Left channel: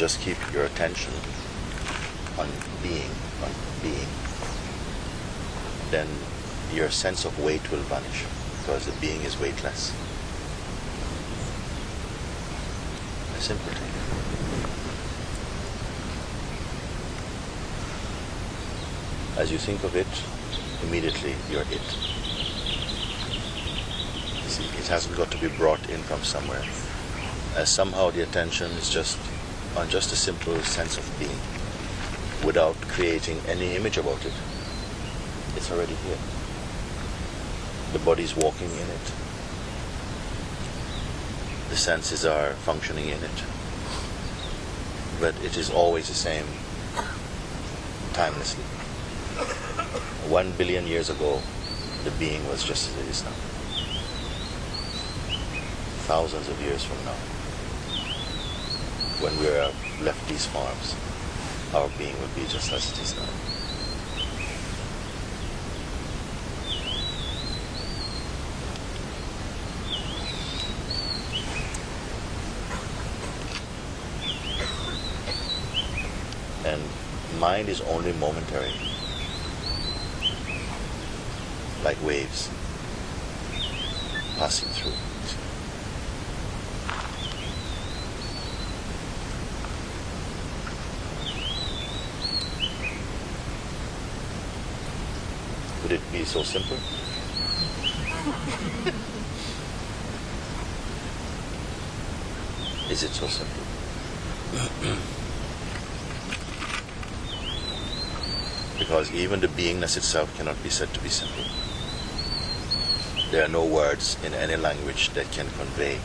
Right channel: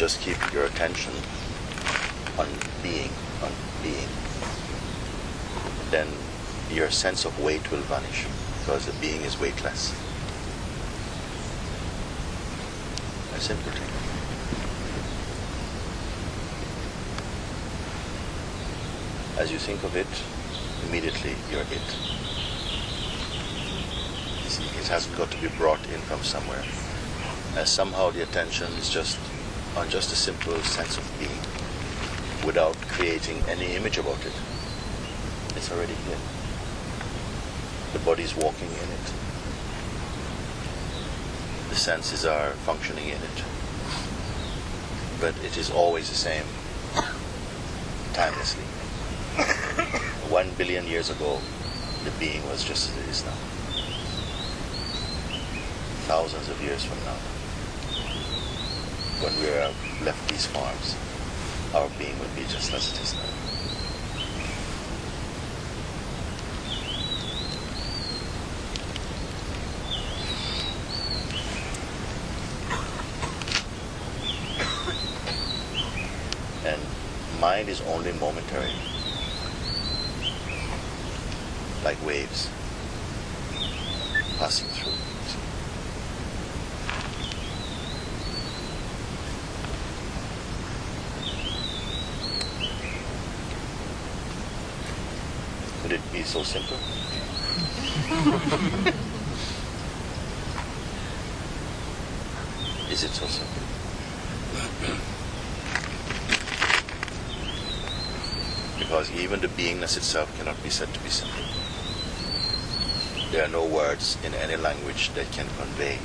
just keep your attention on being, then your sense of weight will vanish, because the being is weightless. A simple thing. As you think of it, immediately you're it. You see, it hasn't got to be brought in from somewhere. As somehow the attention is just on just a simple sense of being, without creating any image about it. It's already here. The body's walking in it. The senses are functioning in it. But it is always the same, timelessly. 1 billion years ago, the being was just as it is now. Thousands of years from now, when we have left these forms, our being will be just as it is now. And mind is only momentary, like waves passing through. Could it be so simple? Is it so simple? Because even the beingness itself cannot be said to be simple. There are no words in any language that can convey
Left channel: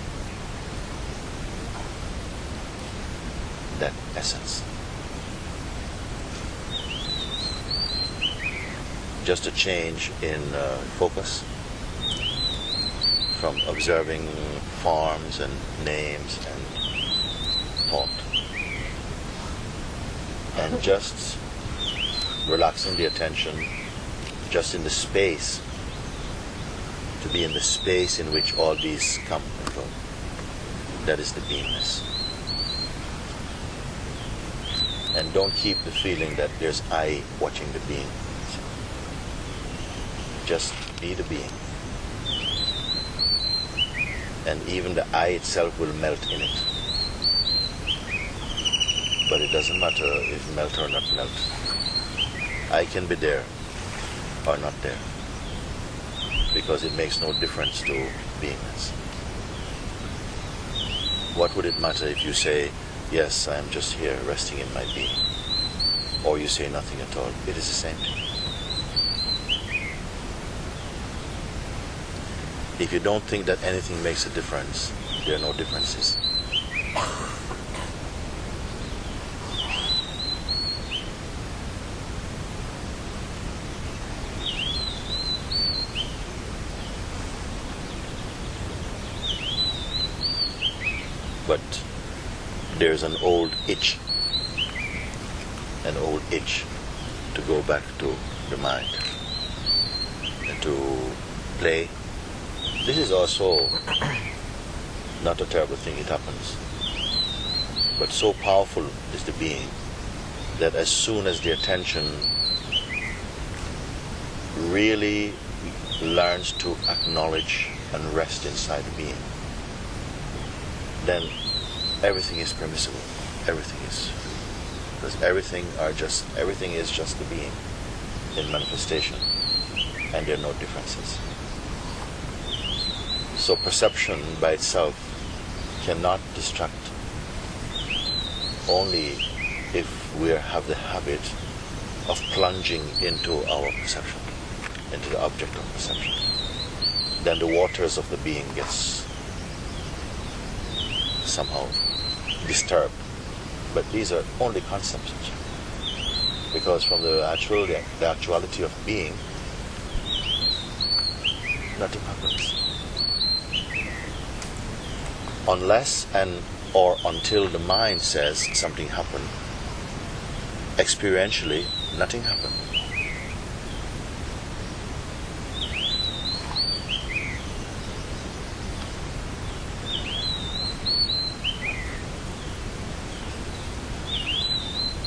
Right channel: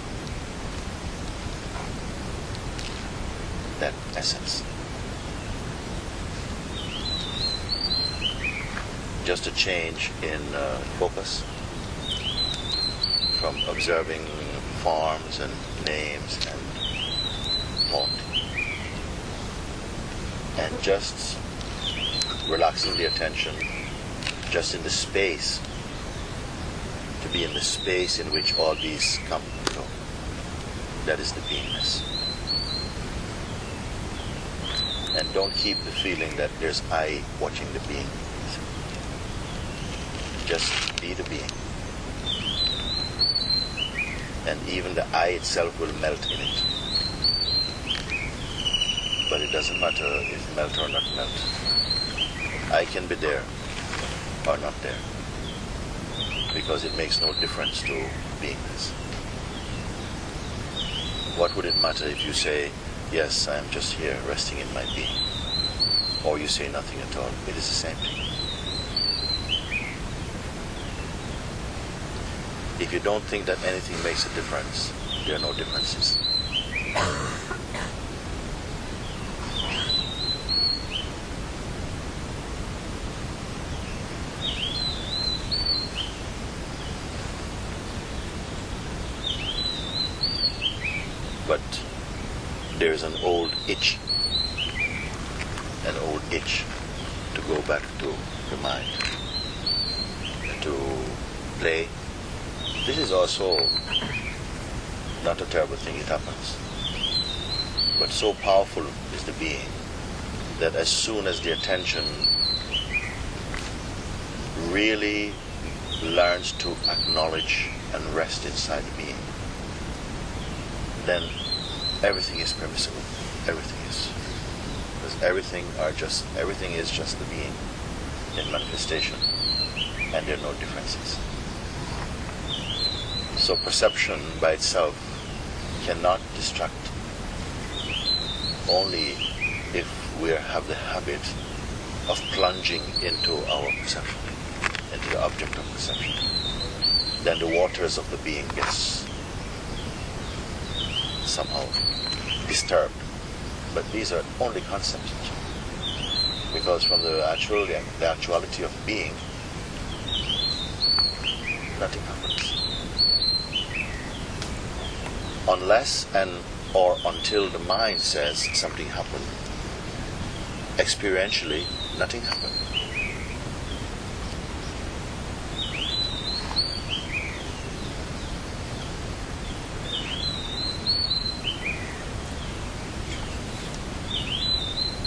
that essence. Just a change in focus from observing forms and names and thought, and just relaxing the attention just in the space, to be in the space in which all these come and go. That is the beingness. And don't keep the feeling that there's I watching the being. Just be the being. And even the I itself will melt in it. But it doesn't matter if melt or not melt. I can be there or not there, because it makes no difference to beingness. What would it matter if you say, yes, I am just here resting in my being, or you say nothing at all? It is the same thing. If you don't think that anything makes a difference, there are no differences. But there's an old itch to go back to the mind and to play. This is also not a terrible thing, it happens. But so powerful is the being that as soon as the attention really learns to acknowledge and rest inside the being, then everything is permissible. Everything is free. Because everything is just the being in manifestation, and there are no differences. So perception by itself cannot distract, only if we have the habit of plunging into our perception, into the object of perception. Then the waters of the being gets somehow disturbed. But these are only concepts, because from the actuality of being, nothing happens. Unless and or until the mind says something happened, experientially nothing happened.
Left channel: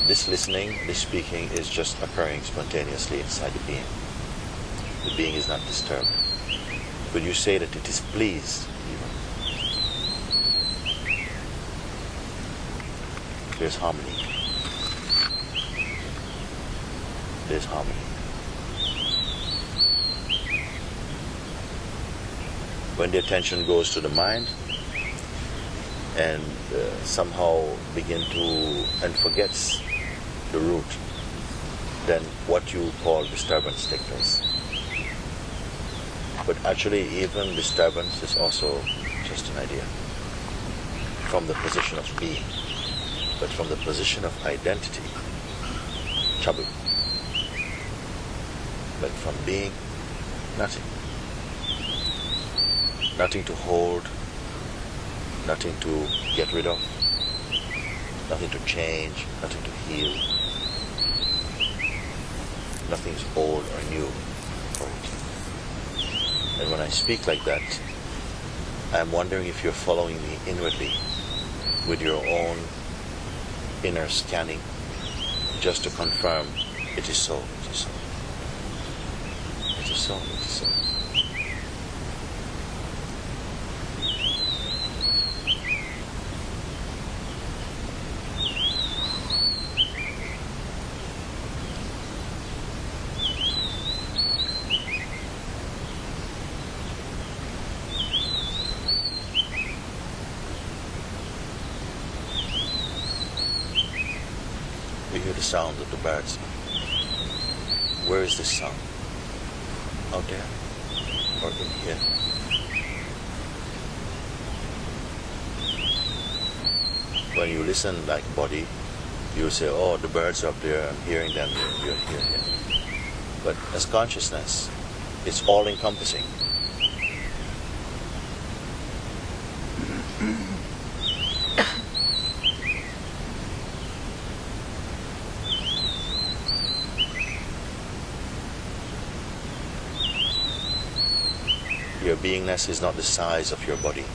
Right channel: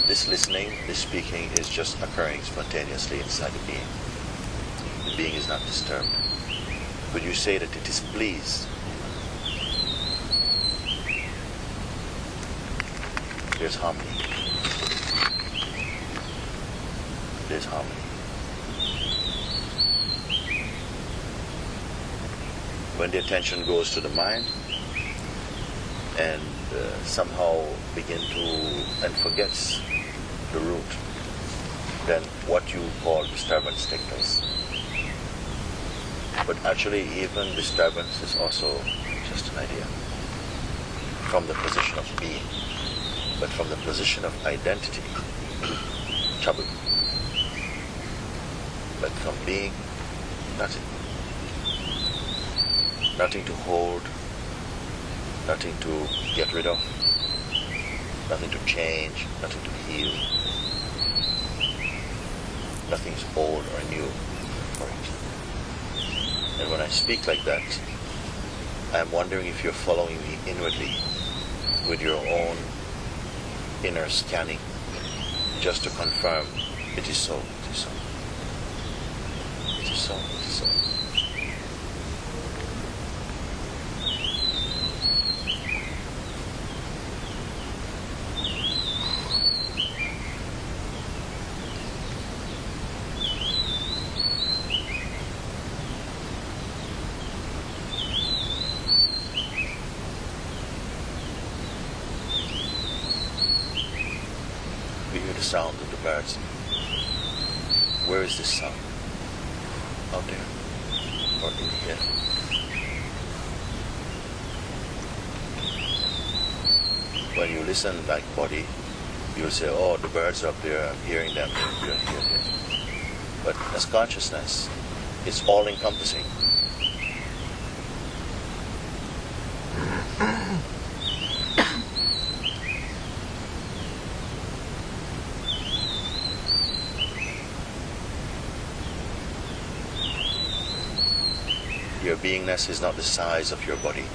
this listening, this speaking is just occurring spontaneously inside the being. The being is not disturbed. Could you say that it is pleased? There's harmony. There's harmony. When the attention goes to the mind and somehow begin to and forgets the root, then what you call disturbance takes place. But actually, even disturbance is also just an idea from the position of being. But from the position of identity, trouble. But from being, nothing. Nothing to hold, nothing to get rid of, nothing to change, nothing to heal. Nothing is old or new for it. And when I speak like that, I'm wondering if you're following me inwardly with your own inner scanning, just to confirm it is so, it is so. It is so, it is so. We hear the sound of the birds. Where is this sound? Out there? Or in here? When you listen like body, you say, oh, the birds are up there, I'm hearing them, you're here. But as consciousness, it's all-encompassing. Your beingness is not the size of your body.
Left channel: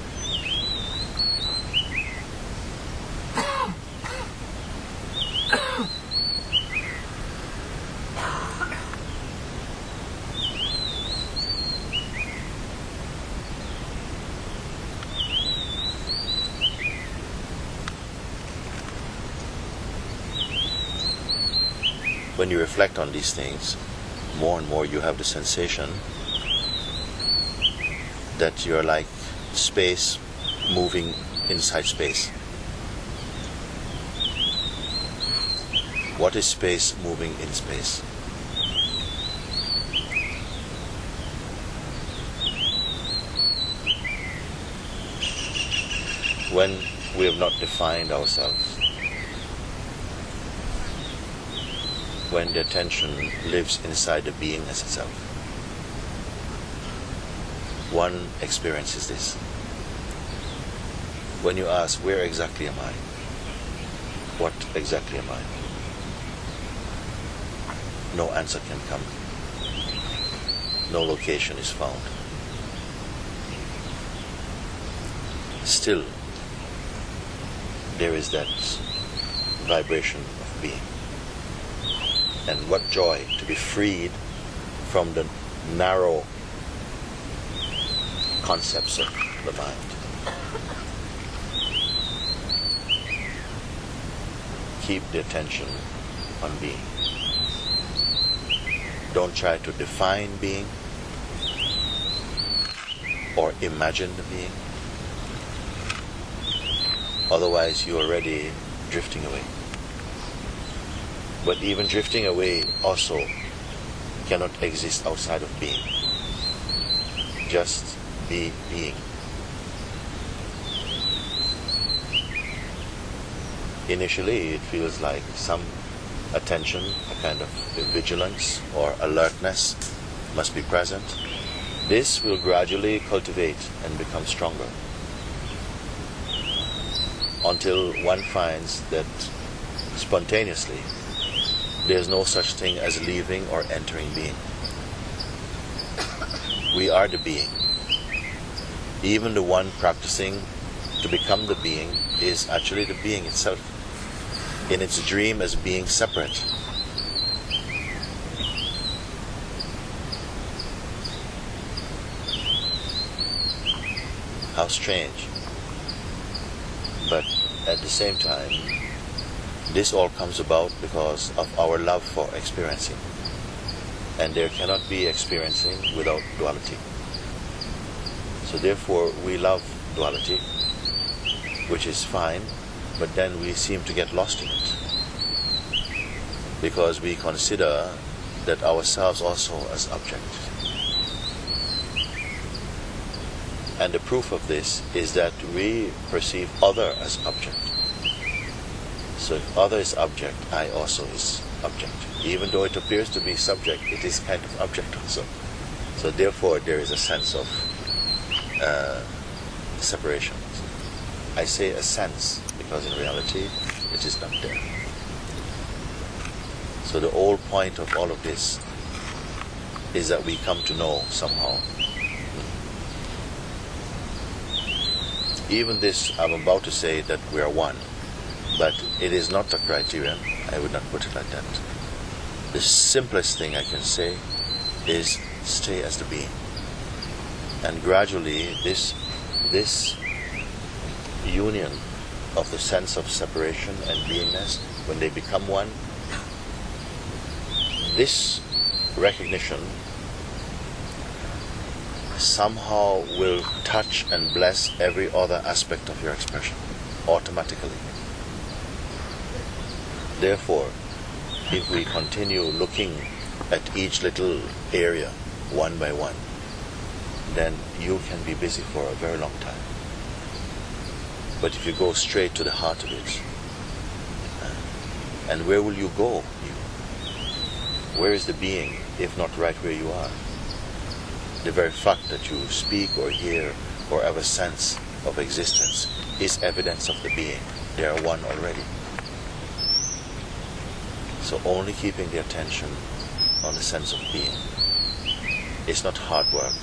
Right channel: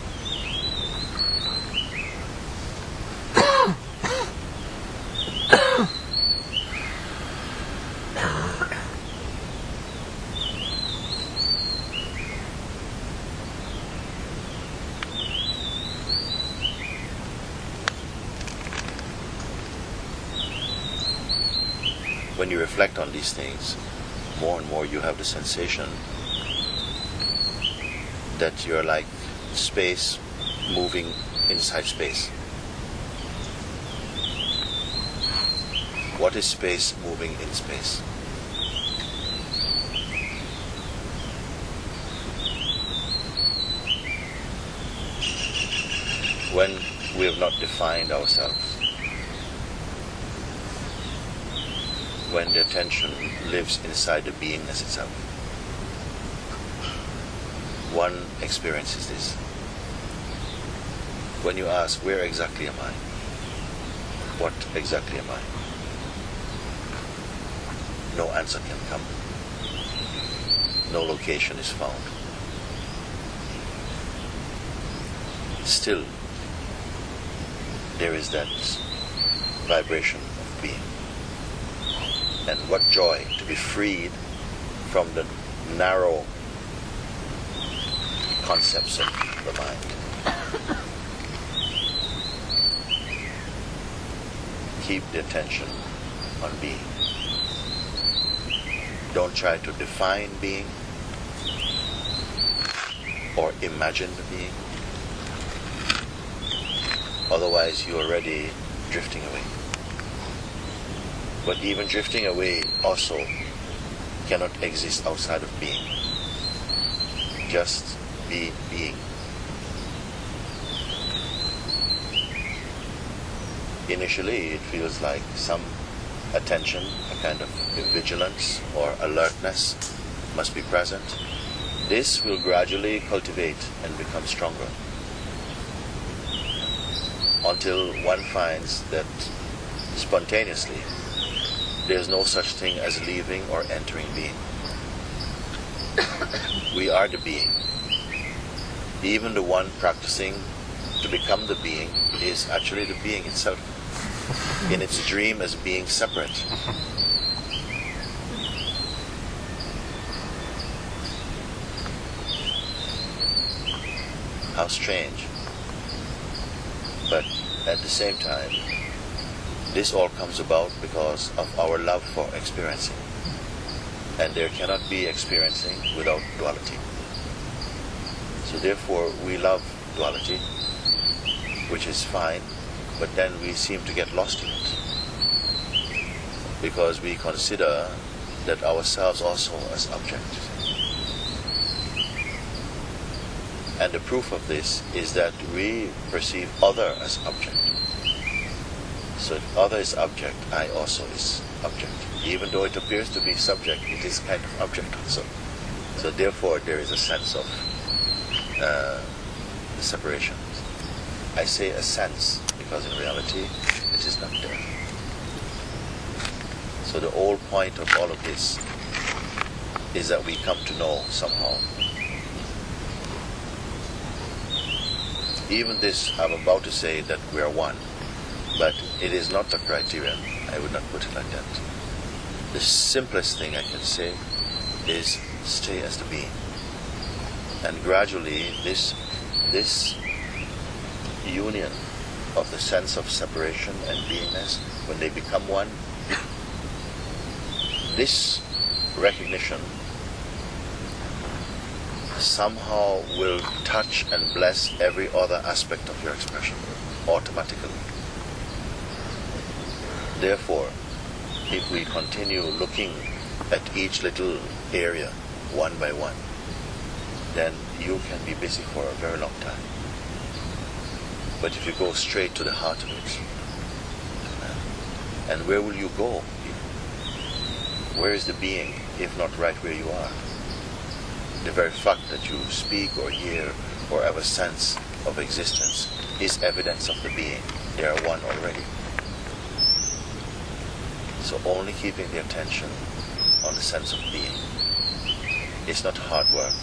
When you reflect on these things, more and more you have the sensation that you're like space moving inside space. What is space moving in space? When we have not defined ourselves, when the attention lives inside the beingness itself, one experience is this. When you ask, where exactly am I? What exactly am I? No answer can come. No location is found. Still, there is that vibration of being. And what joy to be freed from the narrow concepts of the mind. Keep the attention on being. Don't try to define being or imagine the being. Otherwise you're already drifting away. But even drifting away also cannot exist outside of being. Just be being. Initially it feels like some attention, a kind of vigilance or alertness must be present. This will gradually cultivate and become stronger until one finds that spontaneously there's no such thing as leaving or entering being. We are the being. Even the one practicing to become the being is actually the being itself. in its dream as being separate. How strange. But at the same time, this all comes about because of our love for experiencing. And there cannot be experiencing without duality. So therefore we love duality, which is fine, but then we seem to get lost in it. Because we consider that ourselves also as object. And the proof of this is that we perceive other as object. So if other is object, I also is object. Even though it appears to be subject, it is kind of object also. So therefore there is a sense of separation. I say a sense because in reality it is not there. So the whole point of all of this is that we come to know somehow. Even this, I'm about to say that we are one, but it is not a criterion. I would not put it like that. The simplest thing I can say is stay as the being. And gradually this union of the sense of separation and beingness, when they become one, this recognition somehow will touch and bless every other aspect of your expression automatically. Therefore, if we continue looking at each little area one by one, then you can be busy for a very long time. But if you go straight to the heart of it, and where will you go? Where is the being if not right where you are? The very fact that you speak or hear or have a sense of existence is evidence of the being. They are one already. So only keeping the attention on the sense of being is not hard work.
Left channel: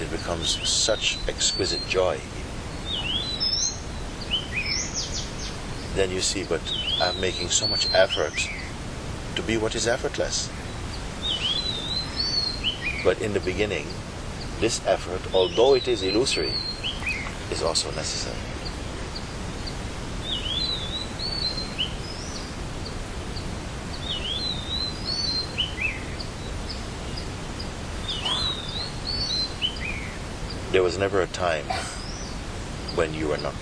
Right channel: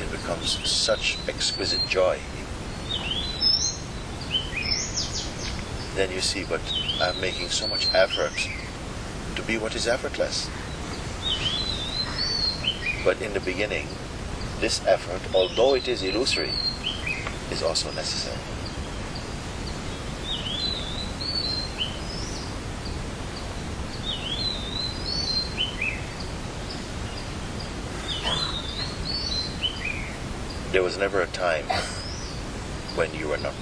It becomes such exquisite joy. Then you see, but I'm making so much effort to be what is effortless. But in the beginning, this effort, although it is illusory, is also necessary. There was never a time when you were not.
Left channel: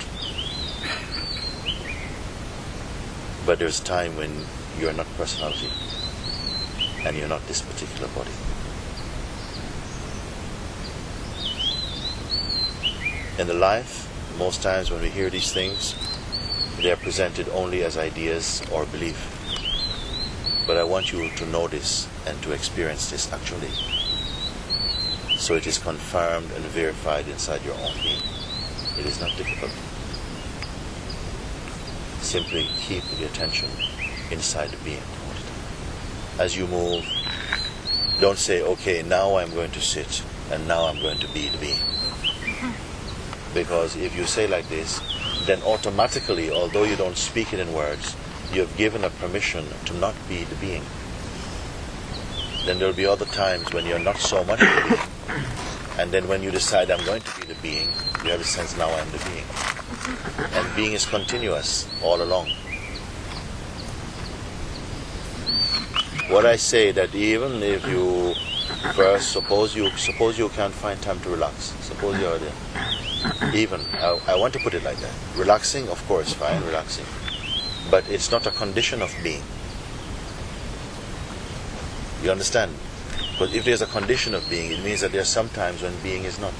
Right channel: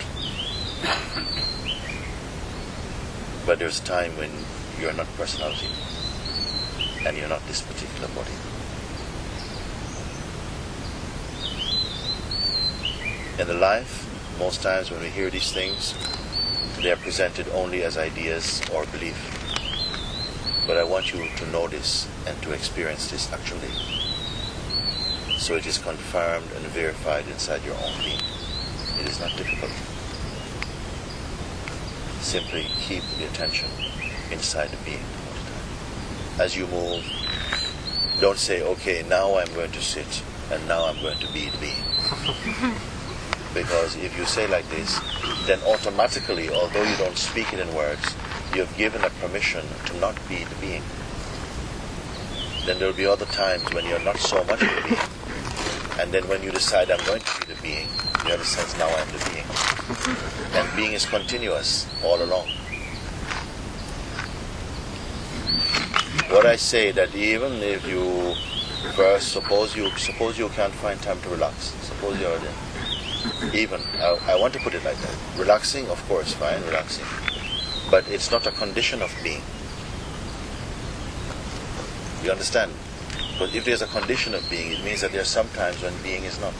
But there's a time when you are not personality and you're not this particular body. In the life, most times when we hear these things, they are presented only as ideas or belief. But I want you to know this and to experience this actually. So it is confirmed and verified inside your own being. It is not difficult. Simply keep the attention inside the being all the time. As you move, don't say, okay, now I'm going to sit and now I'm going to be the being. Because if you say like this, then automatically, although you don't speak it in words, you have given a permission to not be the being. Then there will be other times when you're not so much the being. And then when you decide I'm going to be the being, you have a sense now I'm the being. And being is continuous all along. What I say that even if you first suppose you can't find time to relax. Suppose you're there. Even I want to put it like that. Relaxing, of course, fine, relaxing. But it's not a condition of being. You understand? Because if there's a condition of being, it means that there are some times when being is not.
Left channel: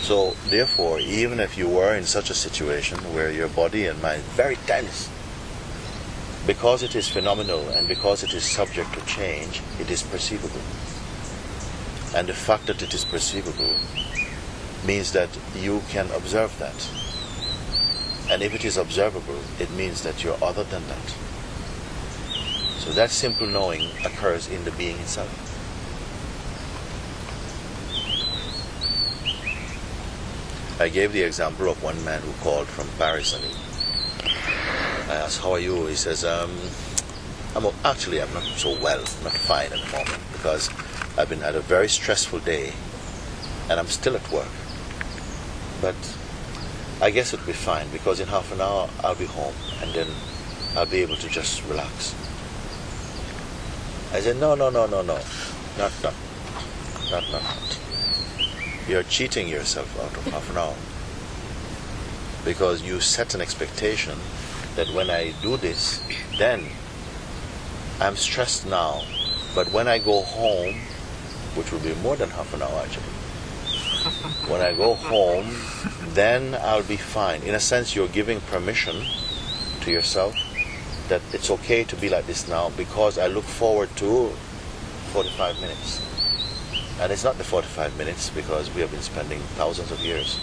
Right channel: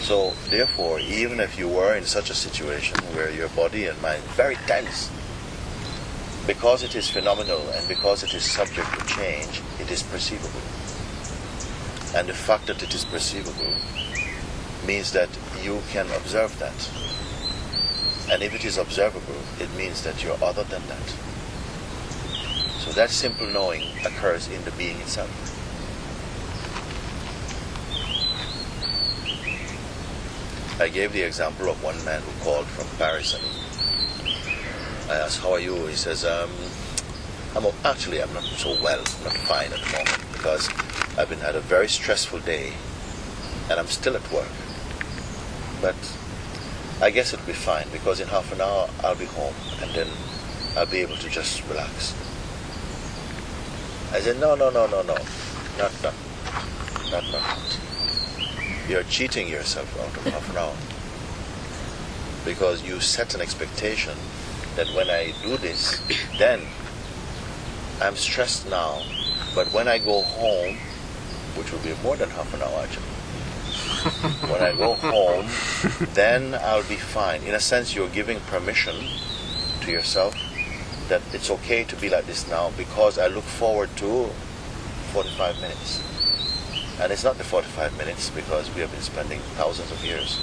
So, therefore, even if you were in such a situation where your body and mind very tense, because it is phenomenal and because it is subject to change, it is perceivable. And the fact that it is perceivable means that you can observe that. And if it is observable, it means that you're other than that. So that simple knowing occurs in the being itself. I gave the example of one man who called from Paris, I asked, how are you? He says, actually I'm not so well, I'm not fine at the moment because I've had a very stressful day and I'm still at work. But I guess it'll be fine because in half an hour I'll be home and then I'll be able to just relax. I said, no. Not. You're cheating yourself out of half an hour. Because you set an expectation that when I do this, then I'm stressed now. But when I go home, which will be more than half an hour actually, when I go home, then I'll be fine. In a sense, you're giving permission to yourself that it's okay to be like this now because I look forward to 45 minutes. And it's not the 45 minutes because we have been spending thousands of years.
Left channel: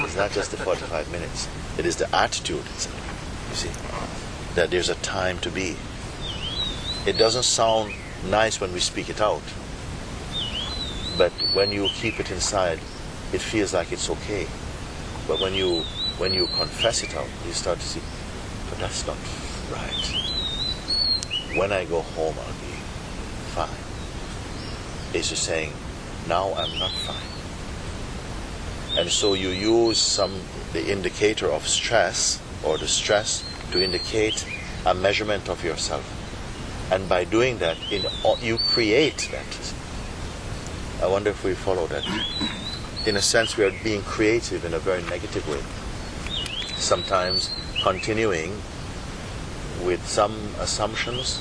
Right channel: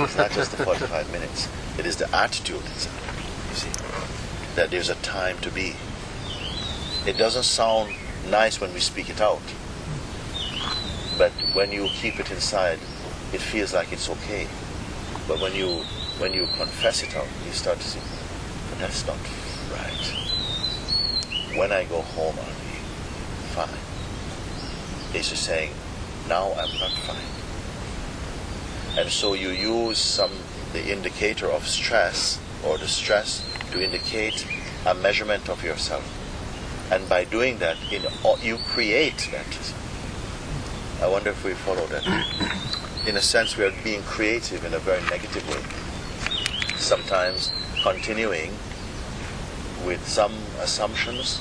It's not just the 45 minutes. It is the attitude itself, you see, that there's a time to be. It doesn't sound nice when we speak it out. But when you keep it inside, it feels like it's okay. But when you confess it out, you start to see, but that's not right. When I go home, I'll be fine. It's just saying, now I'm not fine. And so you use the indicator of stress or the stress to indicate a measurement of yourself. And by doing that, you create that. I wonder if we follow that. In a sense, we are being creative in a very negative way. Sometimes continuing with some assumptions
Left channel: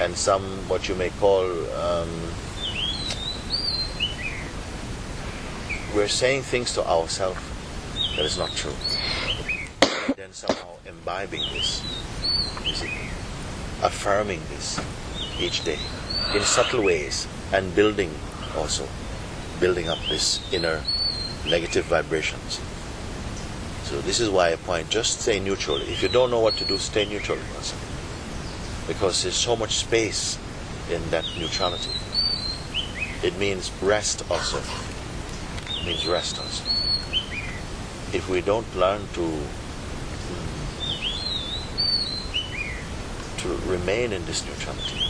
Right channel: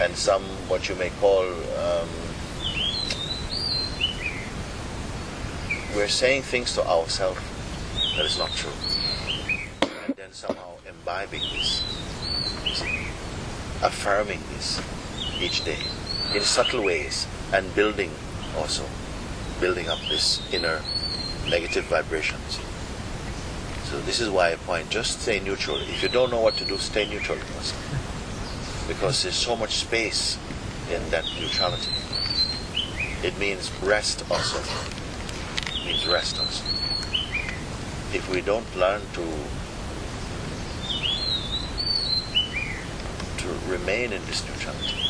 and some what you may call we're saying things to ourselves that is not true. Then somehow imbibing this, you see, affirming this each day in subtle ways and building up this inner negative vibration. See? So this is why I point, just stay neutral. If you don't know what to do, stay neutral also. Because there's so much space in that neutrality. It means rest also. It means rest also. If we don't learn to remain in this neutrality,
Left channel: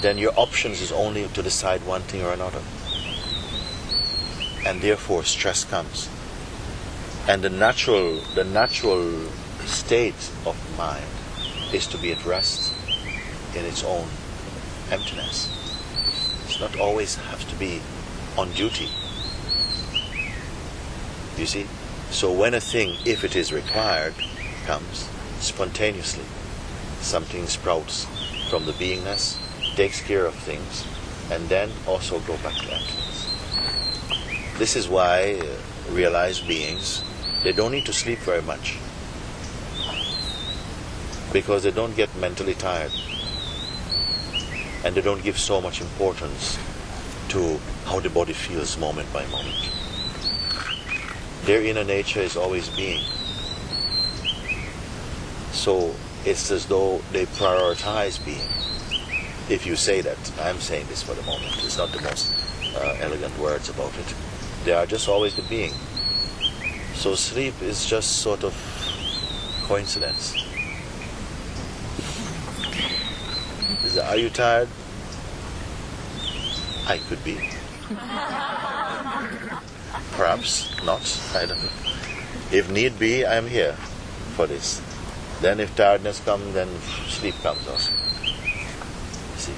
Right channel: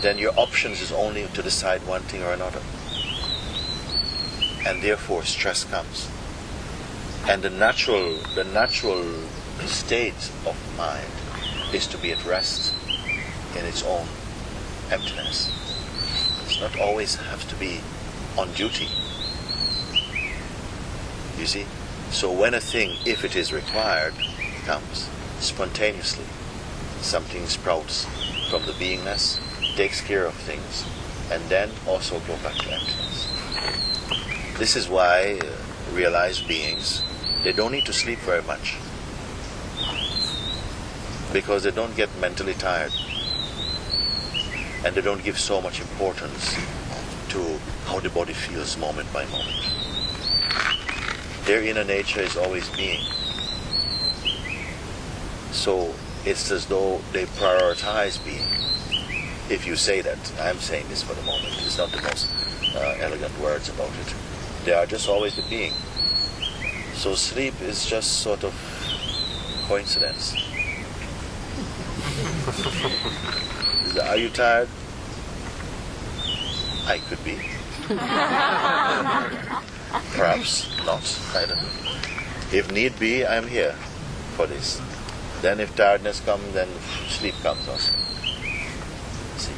then your options is only to decide one thing or another. And therefore stress comes. And the natural state of mind is to be at rest in its own emptiness. It's not always have to be on duty. You see? So when a thing, if it is required, comes spontaneously, something sprouts from the beingness, takes care of things, and then also go back to emptiness. This is why realized beings, they don't need to sleep very much, because they don't get mentally tired, and they don't give so much importance to how the body feels moment by moment. Their inner nature is always being. So it's as though they prioritize being. If you say that, I'm saying this for the moment, it's not the most elegant words about it. They are just always the being. So sleep is just sort of coincidence. Are you tired? I could be. Perhaps not, I don't know. If need be, I am here for this. Then if tiredness comes, then sleep comes also. See,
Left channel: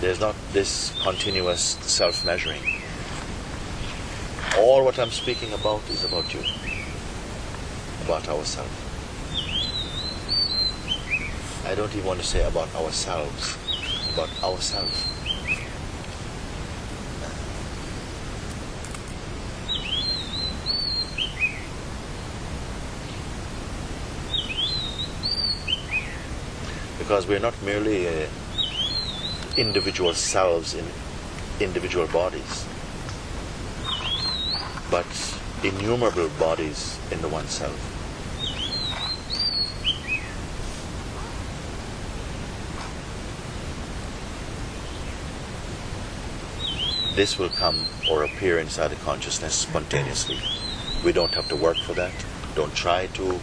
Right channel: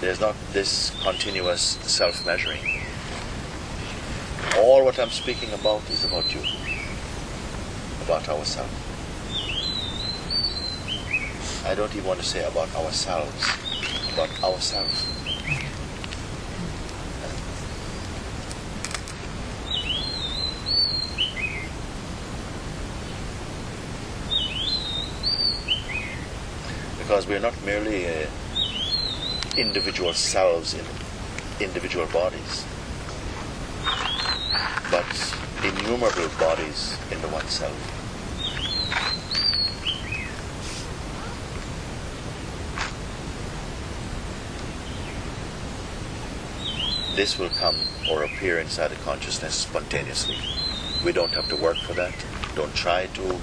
there's not this continuous self-measuring. All what I'm speaking about is about you, about ourselves. I don't even want to say about ourselves, about ourselves. Because we're not merely individual selves in individual bodies, but innumerable bodies in the one self. This will come or appear inside the consciousness spontaneously. We don't have to work for that. Don't try to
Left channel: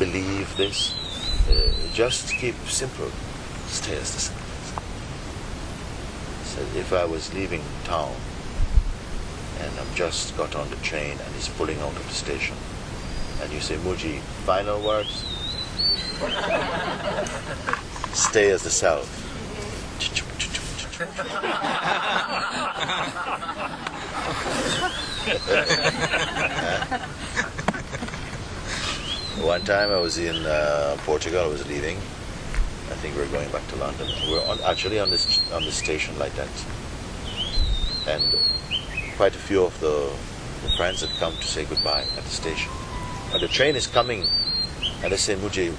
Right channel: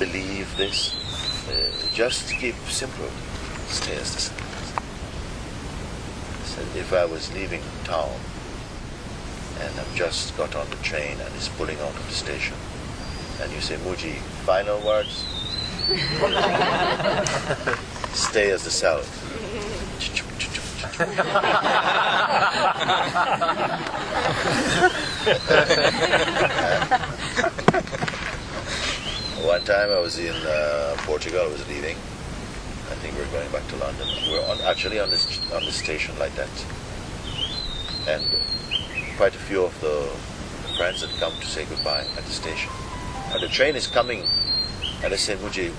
believe this. Just keep simple. Stay as the self. Said if I was leaving town and I've just got on the train and it's pulling out of the station, and you say, Mooji, final words? Stay as the self. One time I was in Portugal, I was leaving. I think we were going back to London. We were actually on the station like that. And quite a few of the friends had come to say goodbye at the station. And the train is coming, and they say, Mooji,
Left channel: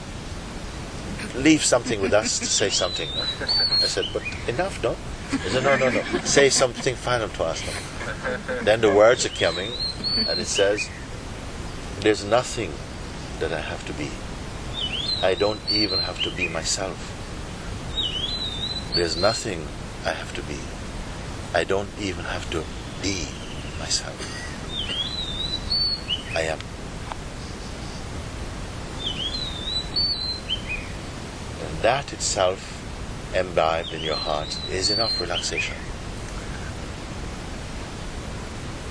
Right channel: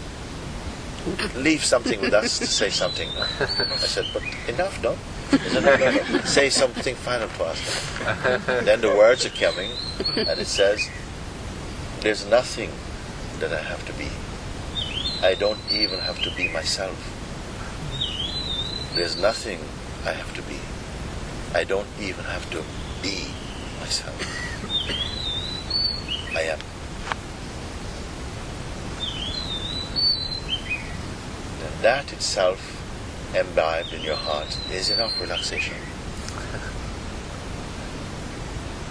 leave something with us to say something. I said, but enough, no? He said, no. Say something final to us. Then the words are coming, and it says, there's nothing that I have to be. I don't even have to be myself. There's nothing I have to be. I don't even have to be myself. I am. And that itself, imbibed in your heart, is enough relaxation.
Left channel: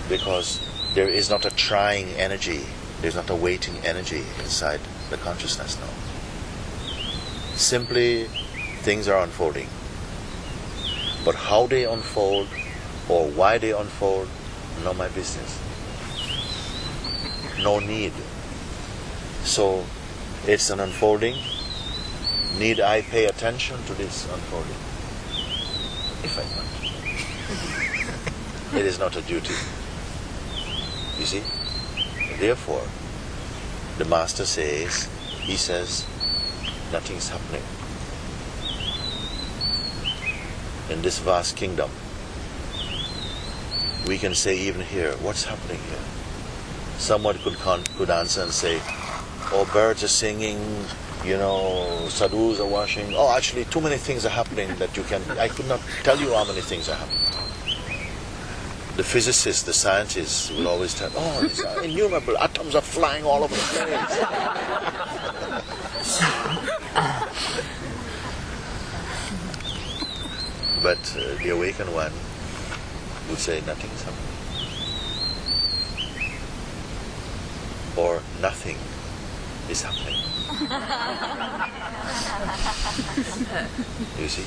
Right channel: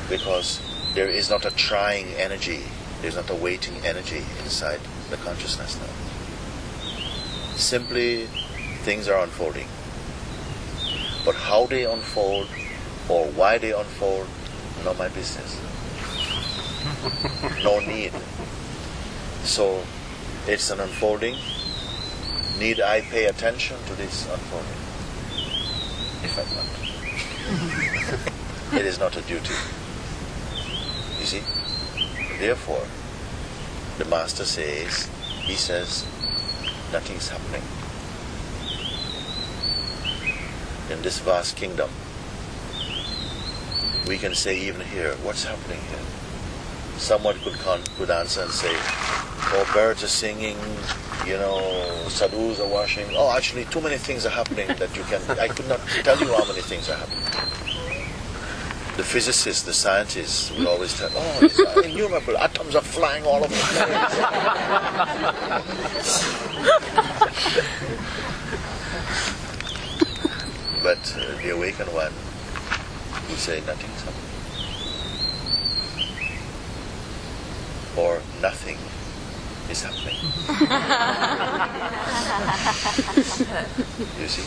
Because there is not a trying energy, there's not a waiting energy inside the consciousness now. Simply, things are unfolding. But how they unfold, or why they unfold, not my business. No need. So, it's an unfolding. Need I pay attention to this unfolding? If I want. It is not a duty. You see? Therefore, the Master says, he says, nothing is happening. In this vast kingdom, we can say even here, what's happening here? Someone could answer and say, oh, birds are singing, sadhus are washing. Oh, actually, too many things are happening that I could not tell you how many things are happening. The physicists, the scientists will always tell, oh, these are innumerable atoms are flying all over the place. But the awakened one will say nothing is happening. Or nothing is happening. You see?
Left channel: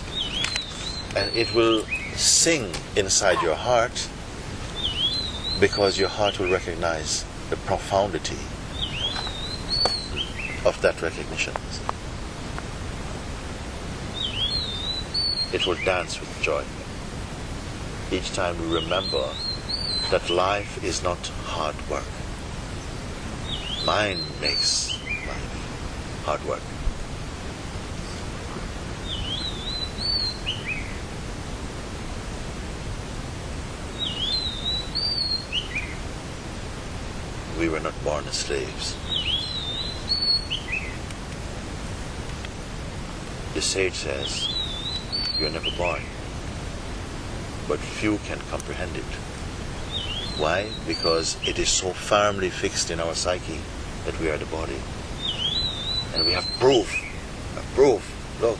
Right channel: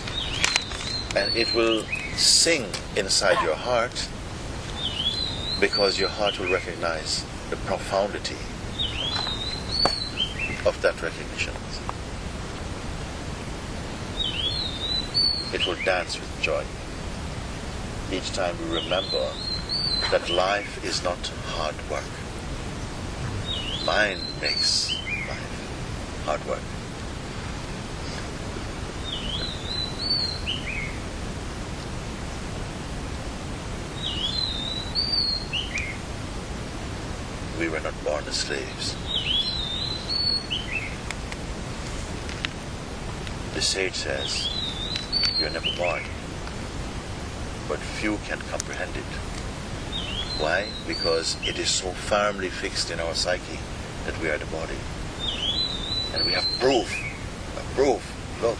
And it will sing inside your heart, because your heart will recognize the profundity of that recognition. It will dance with joy. Each time we remember that life is not hard work. Mind makes life hard work. We were not born as slaves. The sage says, you're never born, but few can comprehend it. Why? Because it is so firmly fixed in our psyche that we are the body. And we have proof. Look.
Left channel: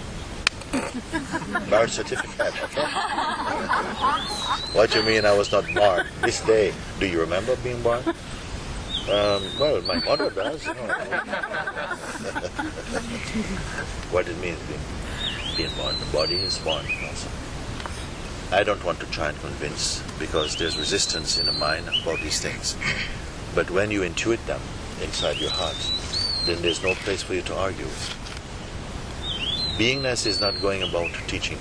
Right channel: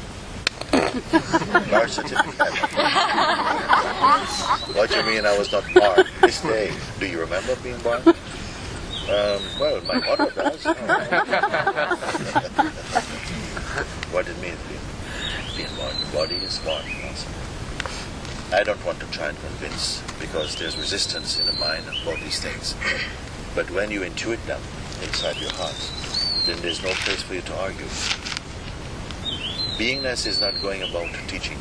Birth certificate. What do you mean I was not born? This day. Do you remember being born? Well, my mother does. What it means being born. The body is born also. I don't want to try and convince, because there's resistance in the mind about these things. But when you intuit them inside your heart, then there's no place for you to argue. Beingness is not going about teaching.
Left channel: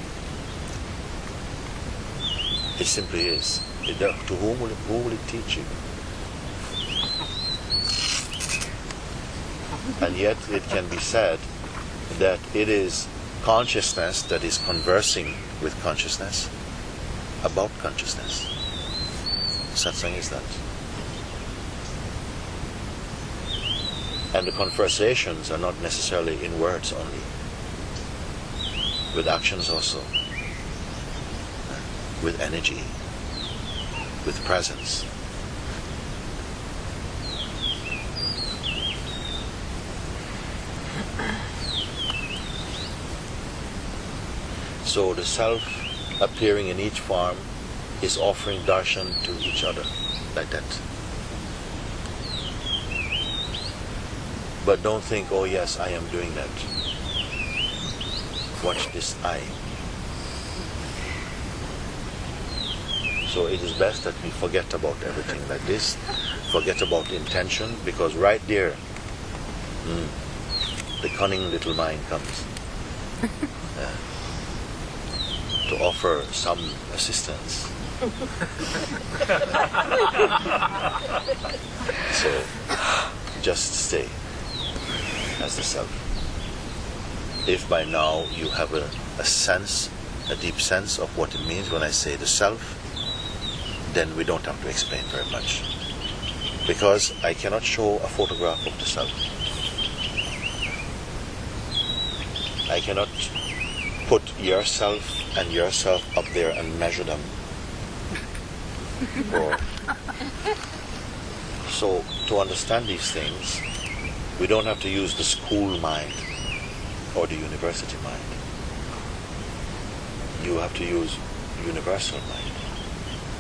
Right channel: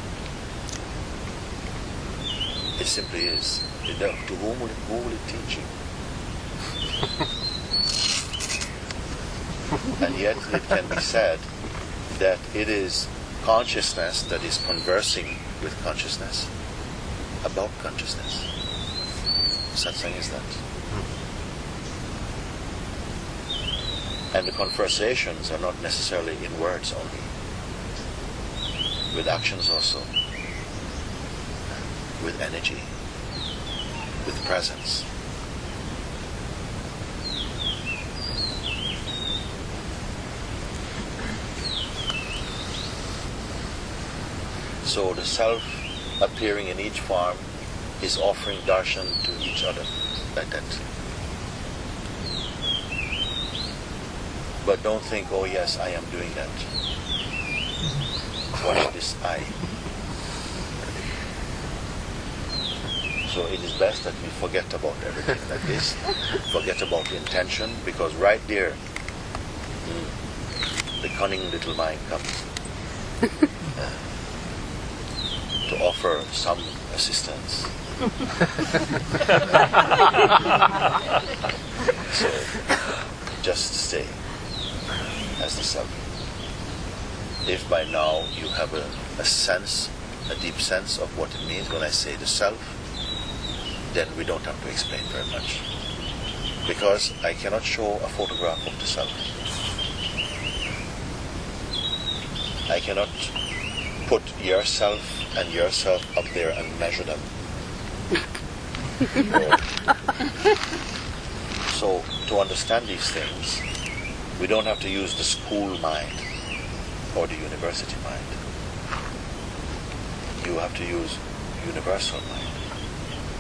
It simply is. To whom will it teach you? And yet it can be said that it is consciousness that is conversing with consciousness about consciousness. Satsang is that. And the conversations are not necessarily in words only, with actions also, with energy, with presence. So the self appearing in each form is offering darshan to each other, like that. But don't think, oh yes, I am doing that. Watch this I. So it is best that we forget about everything like this, forget about the intention, because right there, the cunning little mind comes to offer some assistance. So just stay as the self. If by now you have a sense, a deep sense of what it means when I say the self, then we don't have to explain very much. Because I cannot show a photograph of the self. I cannot put yourself and yourself up there and measure them. So to understand these things, we don't have to use the school mind or the university mind. You have to use universal mind.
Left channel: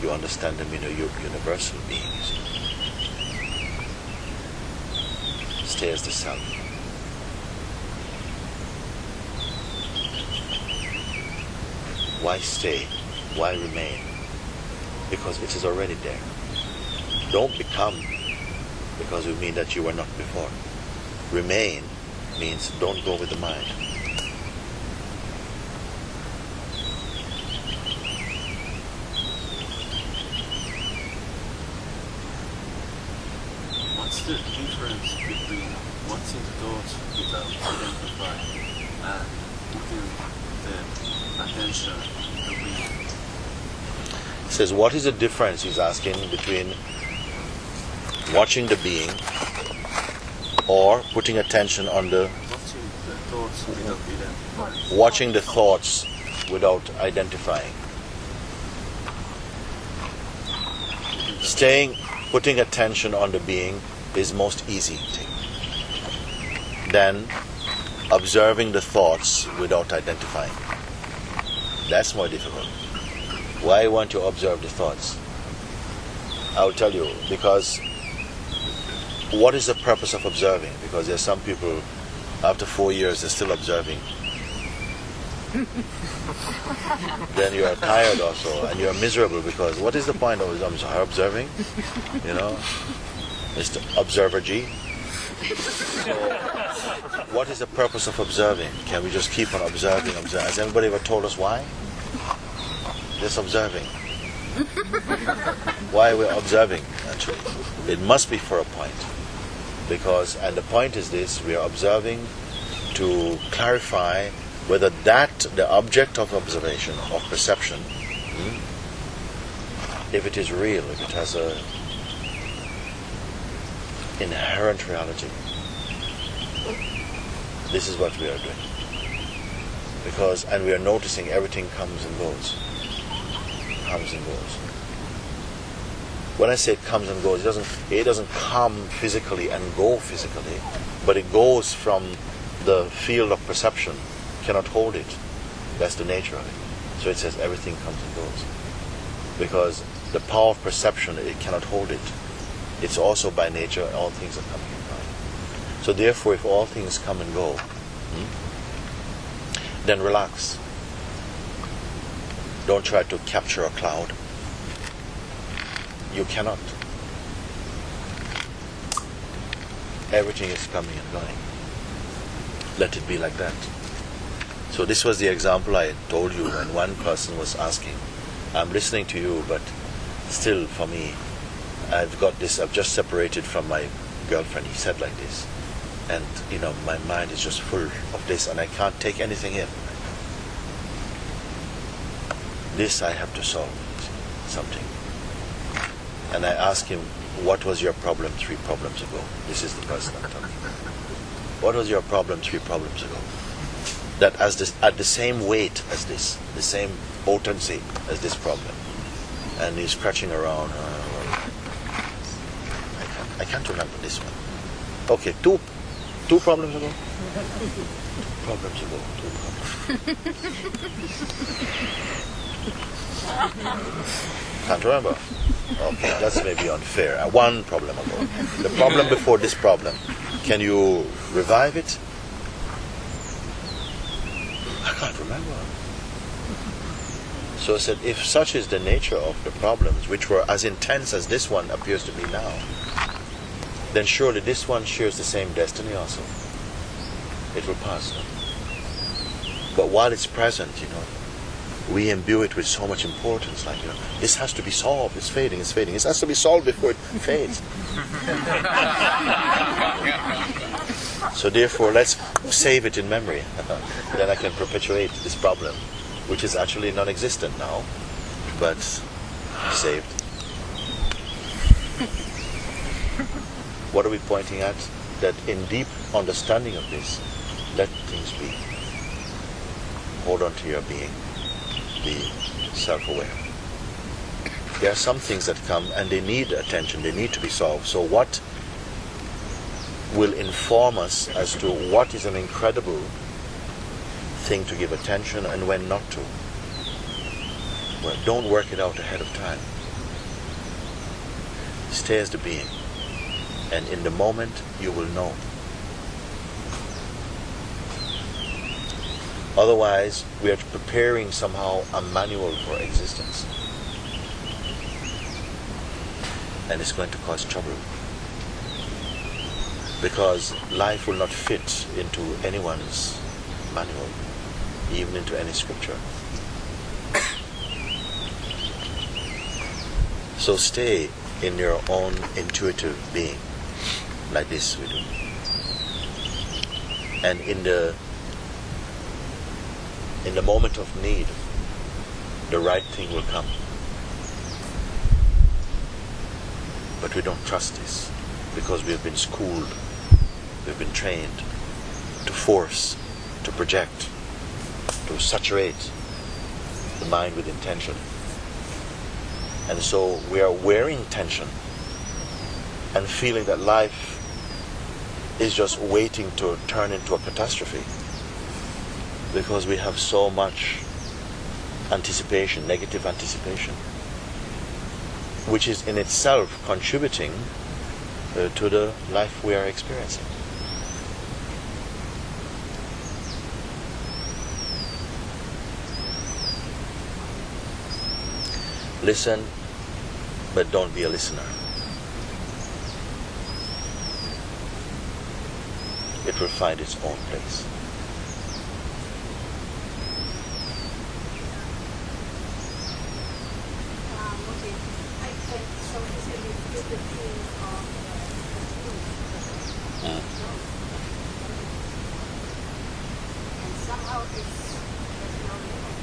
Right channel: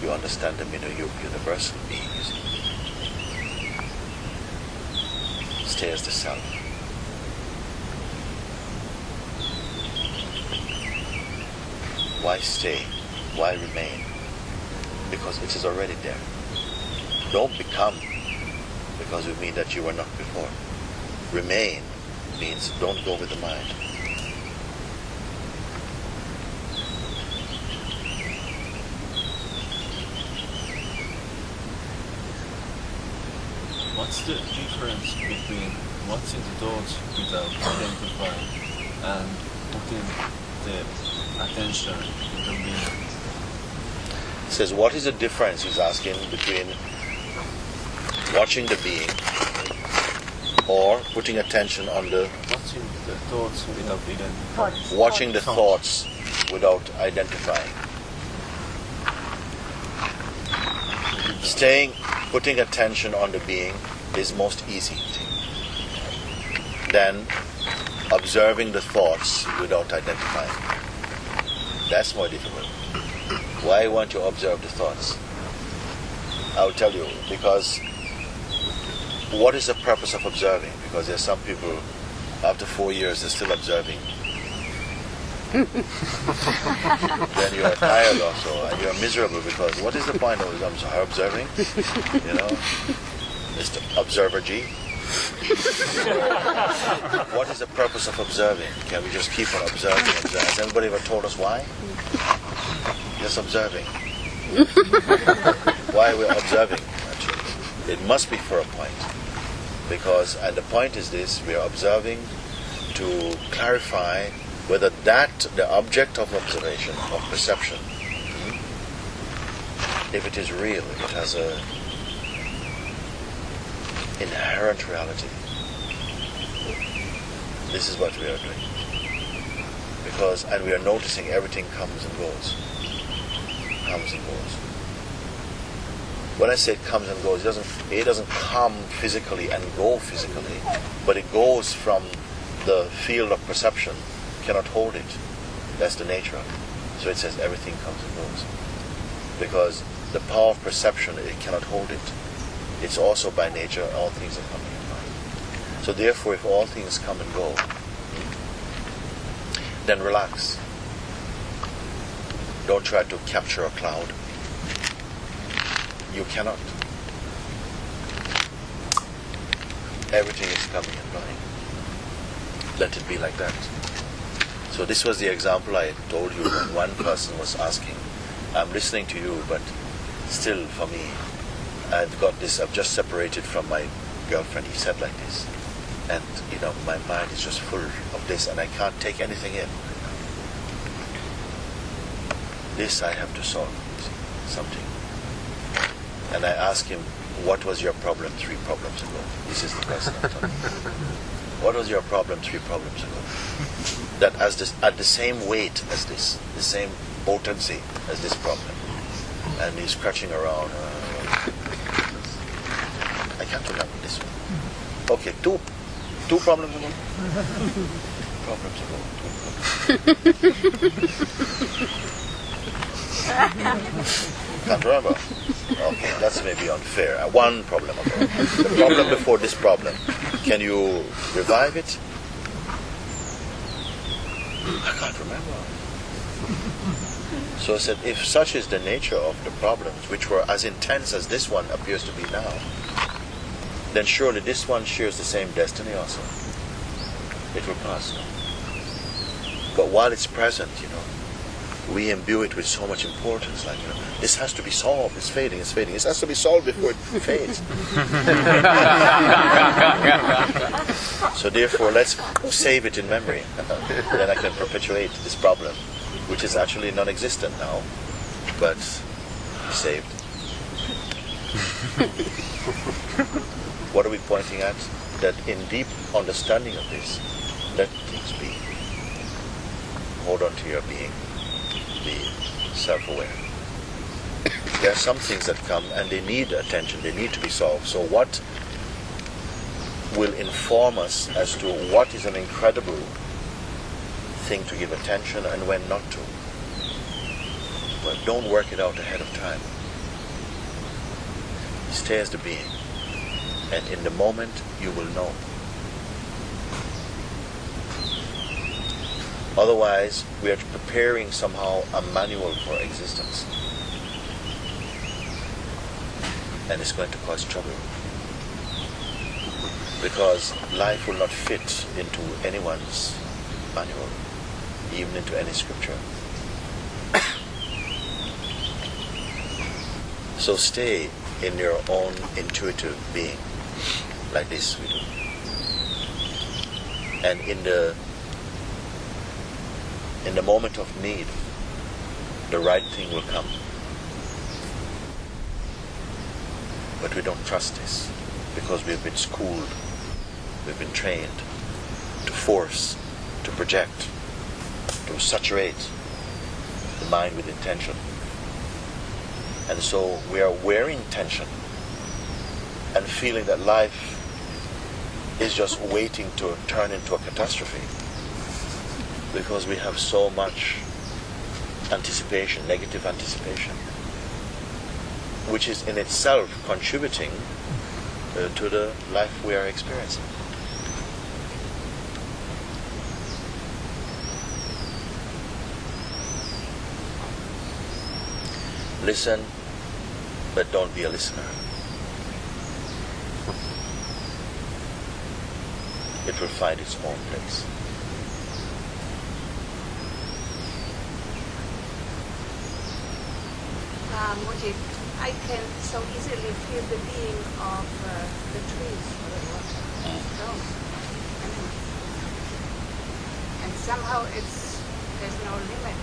You understand them in a universal being, you see. Stay as the self. Why stay? Why remain? Because it is already there. Don't become, because it means that you were not before. Remain means don't go with the mind. What's the difference between watching the thoughts without identifying and putting the attention into being? He says, what is the difference, he's asking, between watching the being or putting attention on the... Watching the thoughts without identifying. Watching the thoughts without identifying. Putting attention on the being is most easy thing. Then observing the thoughts without identifying. That's more difficult. Why won't you observe the thoughts? I'll tell you, because what is the purpose of observing? Because there's some people, after 4 years, they're still observing. Then you are tired also, and you are miserable, because what is the point of observing? You know, Mr. Observer G. So, what is the purpose of observing? Can we just keep on observing? Has anybody ever told us why? Just observing. Why we're observing, actually? It must be for a point. Because, and the point is this, we are observing to clarify whether the object of observation, of perception, if it is real, if it has a inherent reality. This is what we are doing. Because, and we are noticing everything comes and goes. Comes and goes. When I say it comes and goes, it doesn't come physically and go physically, but it goes from the field of perception. Cannot hold it. That's the nature of it. So it says everything comes and goes. Because the power of perception, it cannot hold it. It's also by nature, all things are coming and going. So therefore, if all things come and go, then relax. Don't try to capture a cloud. You cannot. Everything is coming and going. Let it be like that. So this was the example I told you when one person was asking, I'm listening to you, but still for me, I've just separated from my girlfriend. He said like this. And, my mind is just full of this and I can't take anything in right now. This I have to solve, something. And I asked him, what was your problem 3 problems ago? This is the person I'm talking about. What was your problem 3 problems ago? That at the same weight as this, the same potency as this problem. And he's scratching around. I can't remember this one. Okay, two problems ago? problems ago? 2 problems. Can't remember. Okay, that's maybe unfair. 1 problem ago. The problem before this problem. Can you revive it? I can't remember. So I said, if such is the nature of the problems, which were as intense as this one appears to be now, then surely this one shares the same destiny also. It will pass, no? But while it's present, we imbue it with so much importance, like, this has to be solved, it's fading. It has to be solved before it fades. So therefore, let's save it in memory. Then I can perpetuate this problem, which is actually non-existent now, but saved. What are we pointing at? That in deep understanding of this, let things be. Hold on to your being. Be self-aware. There are some things that come and they need attention, they need to be solved. So what will inform us as to what is an incredible thing to give attention and when not to? Well, don't work it out ahead of time. Stay as the being, and in the moment you will know. Otherwise, we are preparing somehow a manual for existence. And it's going to cause trouble. Because life will not fit into anyone's manual, even into any scripture. So stay in your own intuitive being, like this we do. And in the moment of need, the right thing will come. But we don't trust this, because we have been schooled, we've been trained to force, to project, to saturate the mind with intention. And so we are wearing tension and feeling that life is just waiting to turn into a catastrophe, because we have so much anticipation, negative anticipation, which is in itself contributing to the life we are experiencing. Listen, but don't be a listener. It will find its own place. Mooji, I can so easily feel the being of the truth or the water. And somehow there's no limit.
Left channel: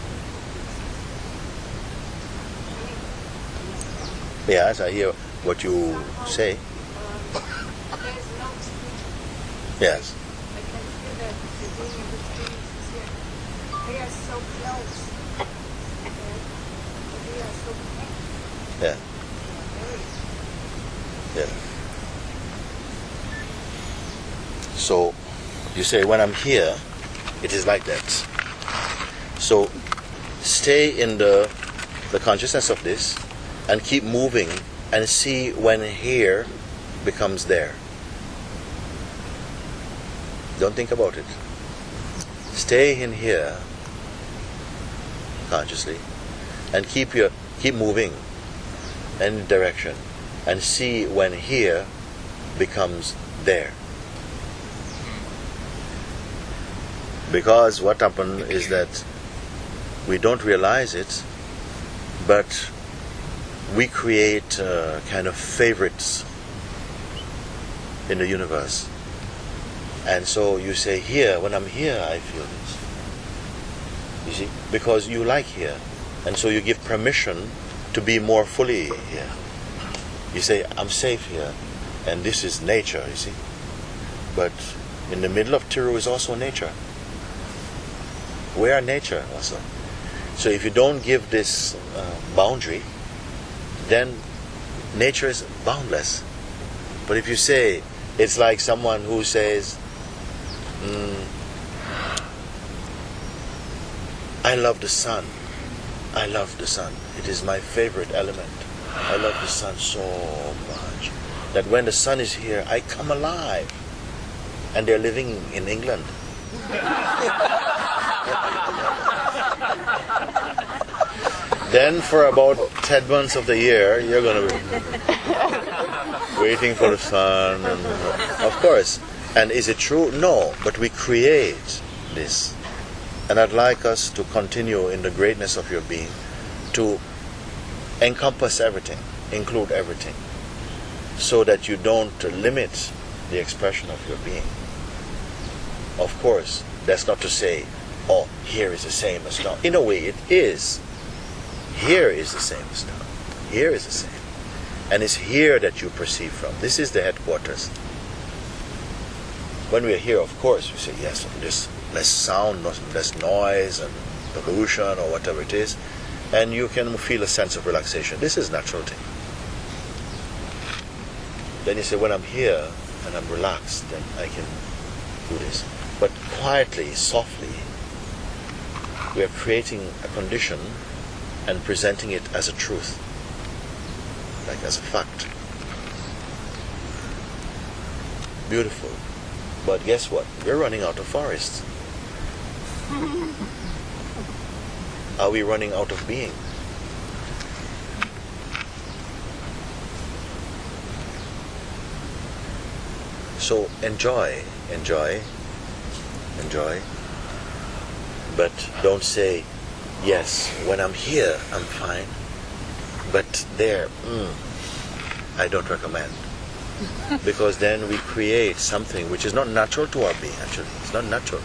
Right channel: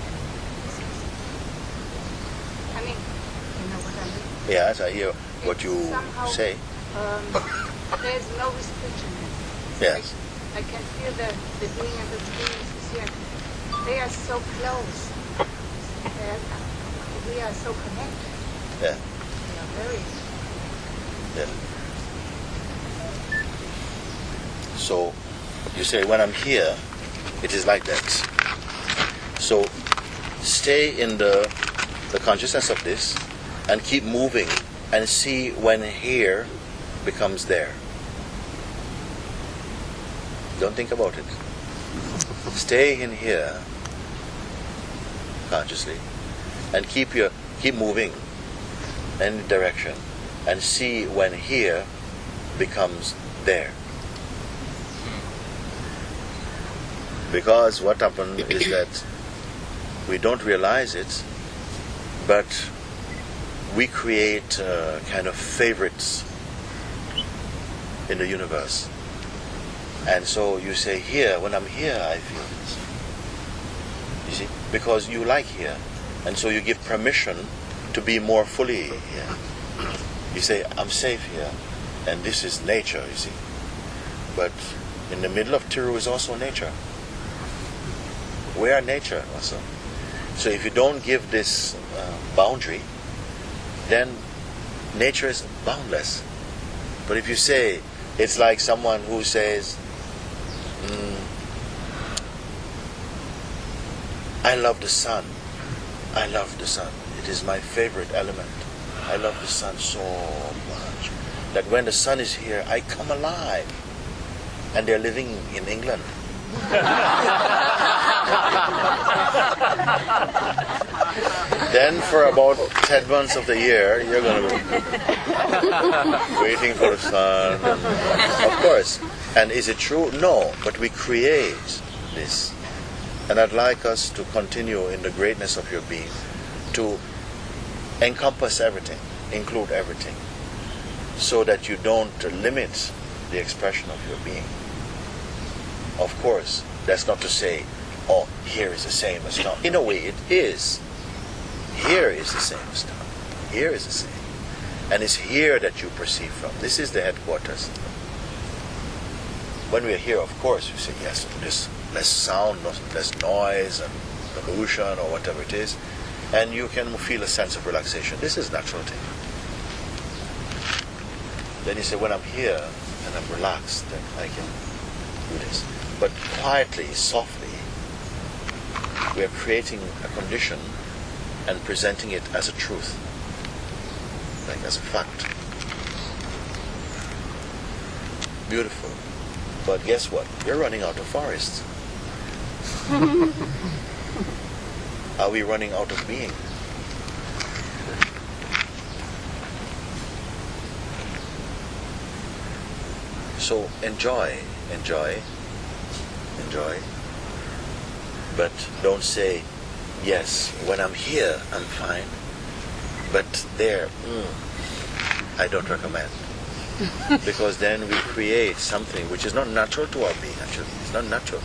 I mean, you know what I mean? Yes, I hear what you somehow, say. There's no restriction. Yes. I can feel the being and the truth is here. They are so close. We are so connected. Yeah. We are very. Yeah. So you say, when I'm here, it is like that. So stay in the consciousness of this and keep moving and see when here becomes there. Don't think about it. Stay in here consciously and keep moving in the direction and see when here becomes there. Because what happens is that we don't realize it, but we create kind of favorites in the universe. And so you say, here, when I'm here, I feel this. You see? Because you like here. And so you give permission to be more fully here. You say, I'm safe here. And this is nature, you see? But in the middle of Tiru is also nature. We are nature also. So if you don't give this boundary, then nature is boundless. But if you say, it's like someone who says, I love the sun. I love the sun. It is my favorite element. I love the sun so much that when the sun is here, I come alive. And they're living in England. Then for about 10 months of the year, you're going to be waiting for the sun. And, of course. And is it true? No. But we create this. And I'd like us to continue in the greatness of your being, to encompass everything, include everything, so that you don't limit the expression of your being. Of course, that's not to say, oh, here is the same as down. In a way, it is. Here is the same as down. Here is the same. And it's here that you perceive from. This is the headquarters. When we are here, of course, we say, yes, there's less sound, less noise and pollution or whatever it is, and you can feel a sense of relaxation. This is a natural thing. Then you say, when I'm here and I'm relaxed, then I can do this. But quietly, softly, we are creating a condition and presenting it as a truth, like as a fact. Beautiful. But guess what? We're running out of forests. Are we running out of being? So enjoy. But don't say, yes, when I'm here, I'm fine. But there, I don't recommend. Because then we create something which is not natural to our being, actually. It's not natural.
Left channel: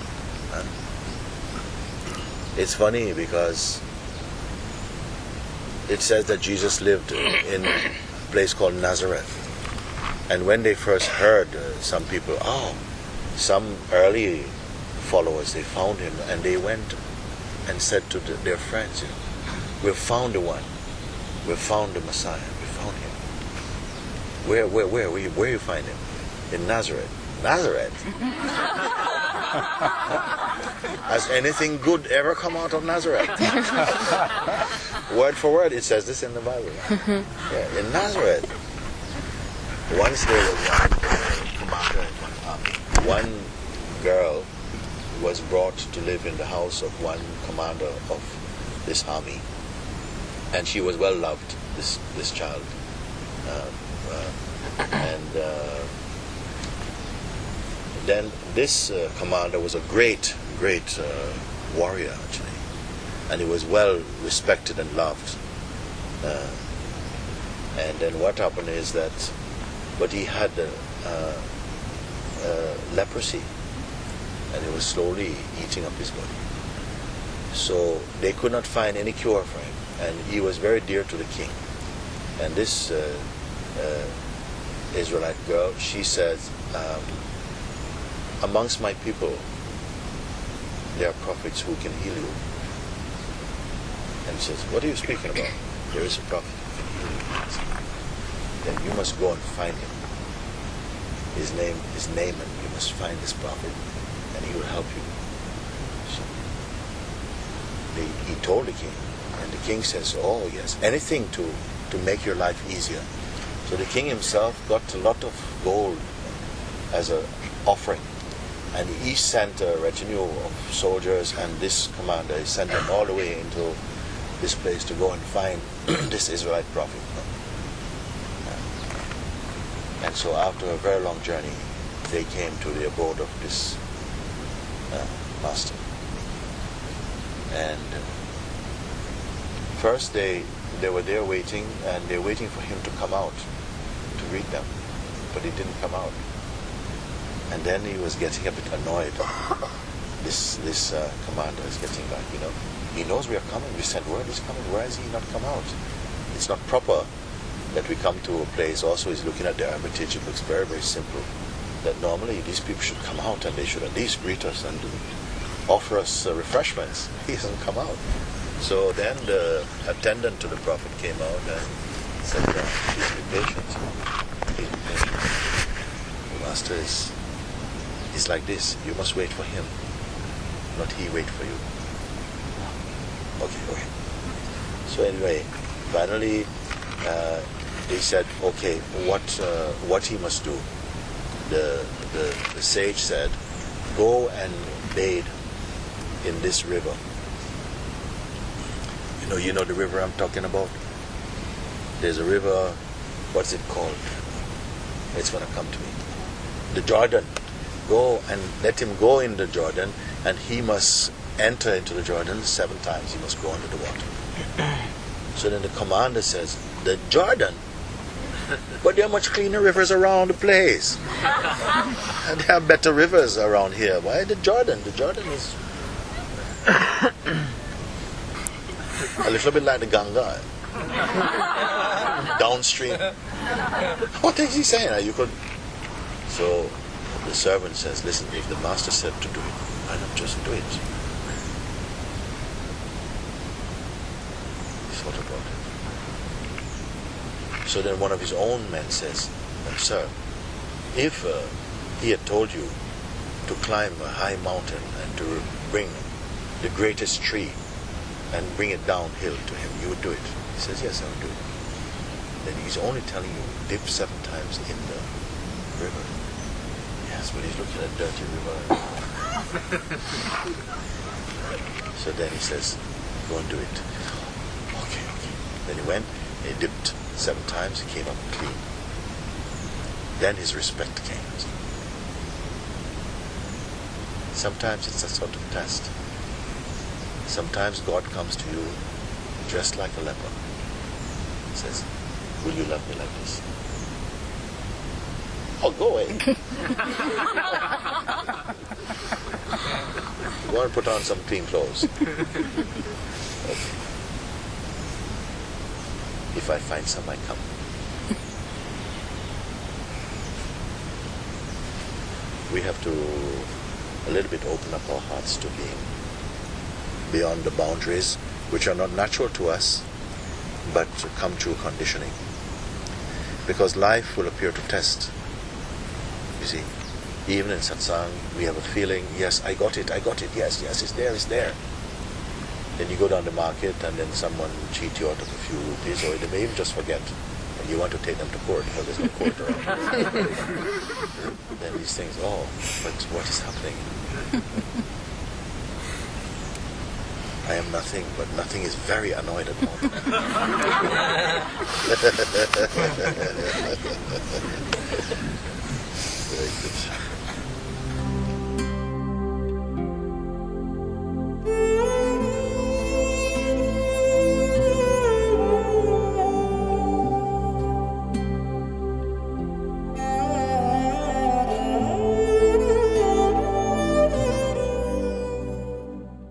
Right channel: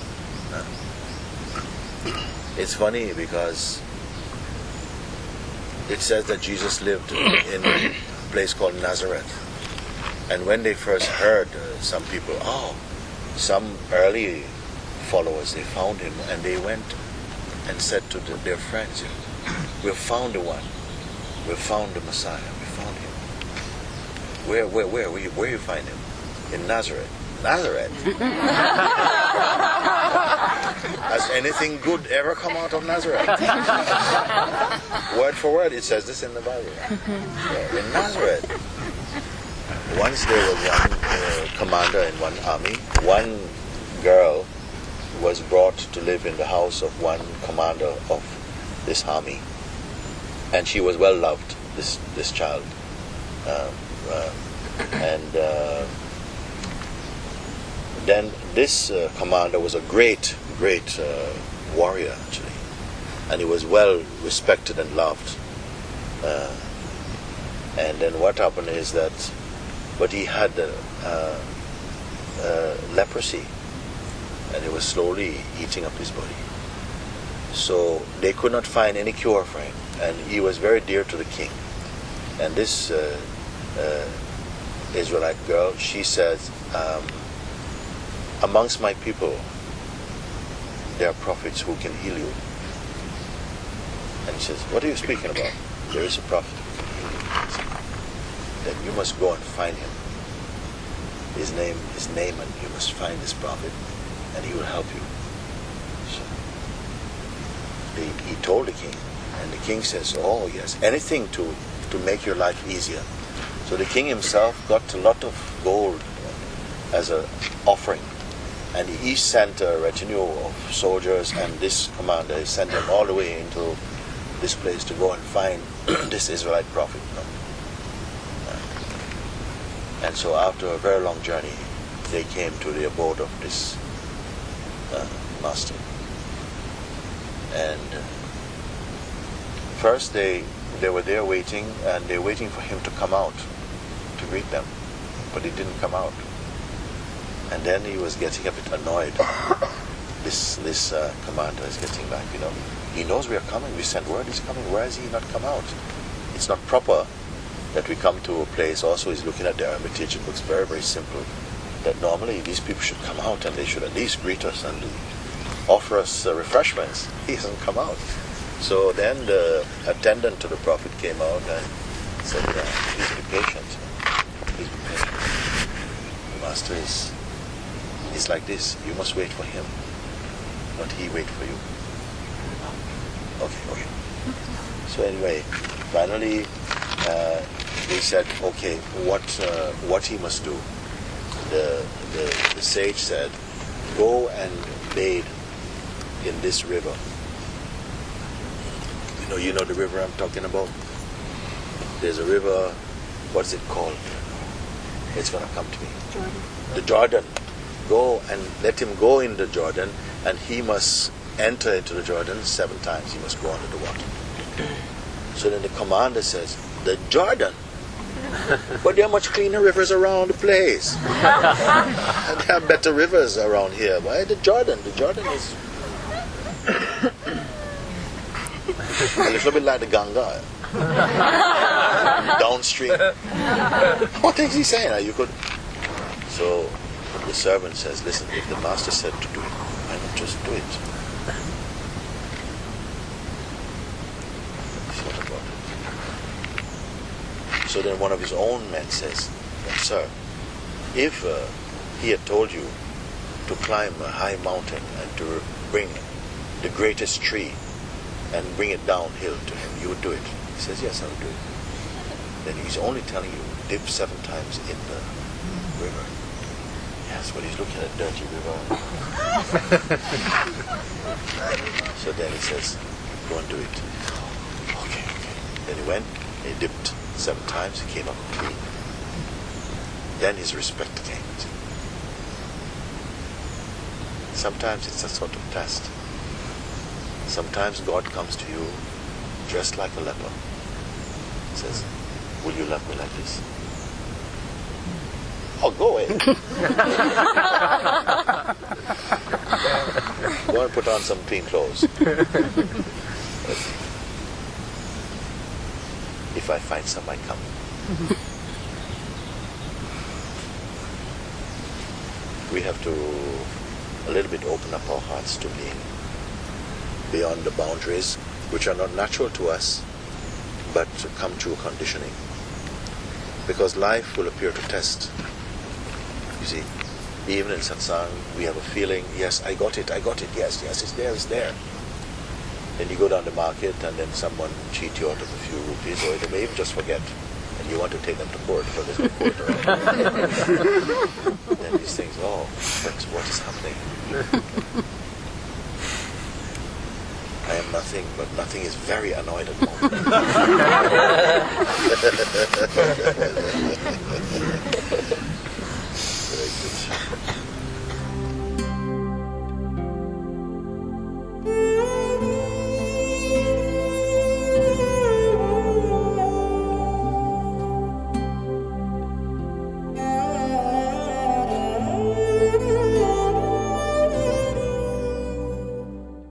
It's funny because it says that Jesus lived in a place called Nazareth. And when they first heard, some people, some early followers, they found him and they went and said to their friends, we've found the one. We've found the Messiah. We found him. Where you find him? In Nazareth. Nazareth? Has anything good ever come out of Nazareth? Word for word, it says this in the Bible. Yeah, in Nazareth. Once there was one commander in one army. One girl was brought to live in the house of one commander of this army. And she was well loved, this child. Then this commander was a great warrior, actually. And he was well respected and loved. And then what happened is that, but he had leprosy, and it was slowly eating up his body. So they could not find any cure for him, and he was very dear to the king. And this Israelite girl, she says, amongst my people, there are prophets who can heal you. And she says, what are you speaking about? There is a prophet who can heal you. Then you must go and find him. His name is Naaman. You must find this prophet, and he will help you. So he told the king, and the king says, oh yes, anything to make your life easier. So the king himself got a lot of gold as an offering, and he sent a retinue of soldiers, and this commander, he sent them all the way into this place to go and find this Israelite prophet. And so after a very long journey, they came to the abode of this master. And first they were there waiting, and they were waiting for him to come out to greet them, but he didn't come out. And then he was getting a bit annoyed. This commander is getting back, he knows we are coming, we sent word he's coming, why has he not come out? It's not proper that we come to a place. Also, he's looking at the hermitage. It looks very, very simple. That normally these people should come out and they should at least greet us and offer us refreshments. He hasn't come out. So then the attendant to the prophet came out and said, please be patient. Please be patient. The master is like this. You must wait for him, not he wait for you. Okay. So anyway, finally, they said, okay, what he must do? The sage said, go and bathe in this river. You know the river I'm talking about? There's a river, what's it called? It's going to come to me. The Jordan. Go and let him go in the Jordan, and he must enter into the Jordan 7 times. He must go under the water. So then the commander says, the Jordan? But there are much cleaner rivers around the place. And there are better rivers around here. Why the Jordan? The Jordan is a little bit like the Ganga. Downstream. What is he saying? You could. So the servant says, listen, if the master said to do it, why not just do it? He thought about it. So then one of his own men says, sir, if he had told you to climb a high mountain and to bring the greatest tree and bring it downhill to him, you would do it. He says, yes, I would do it. Then he's only telling you, dip 7 times in the river. Yes, but he's looking at dirty river. So then he says, go and do it. Okay. Then he went, he dipped 7 times, he came up clean. Then his respect came. Sometimes it's a sort of test. Sometimes God comes to you dressed like a leper. He says, will you love me like this? Oh, go away. Go and put on some clean clothes. Okay. If I find some, I come. We have to a little bit open up our hearts to being beyond the boundaries which are not natural to us, but come through conditioning. Because life will appear to test. You see, even in satsang, we have a feeling, yes, I got it, yes, it's there. Then you go down the market and then someone cheat you out of a few rupees, or they may even just forget, and you want to take them to court because there's no court around. Then these things, what is happening? I am nothing, but nothing is very annoyed at the moment. Very good.